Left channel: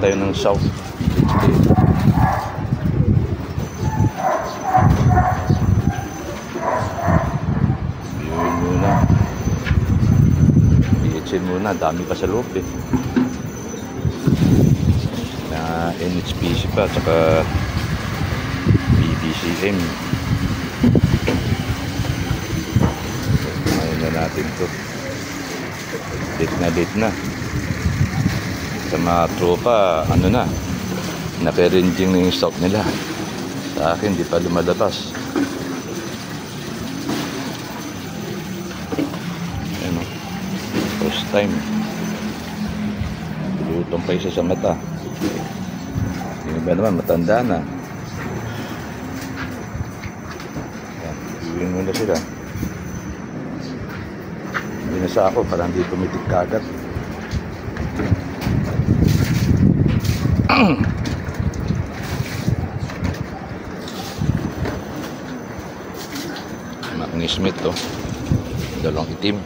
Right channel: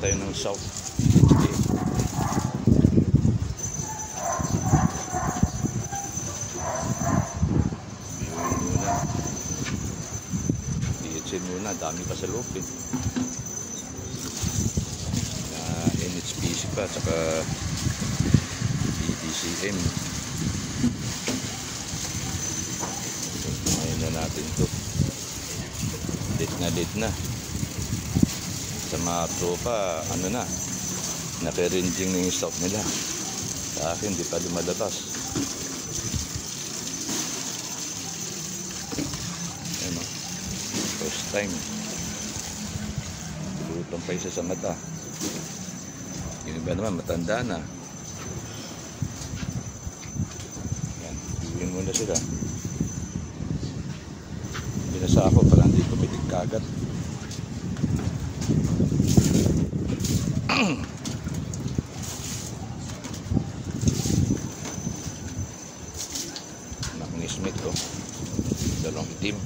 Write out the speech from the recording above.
tayo ng South HK. Viewin muna. PHN muna, dami pa sa loob eh. Na NHPC pa, tsaka BBCM. Ayaw na natin to. Late na. Sa mga tropa, ano na, naka-ranging na yung stock nila. Sa akin, di pa lumalabas. Ano, first time. Lutong pa isa sa mata. Yung iba naman, matanda na. Iuwin muna sila. Hindi na sa ako, parang di tumitig kagat. Mga Smith to, dalawang itim.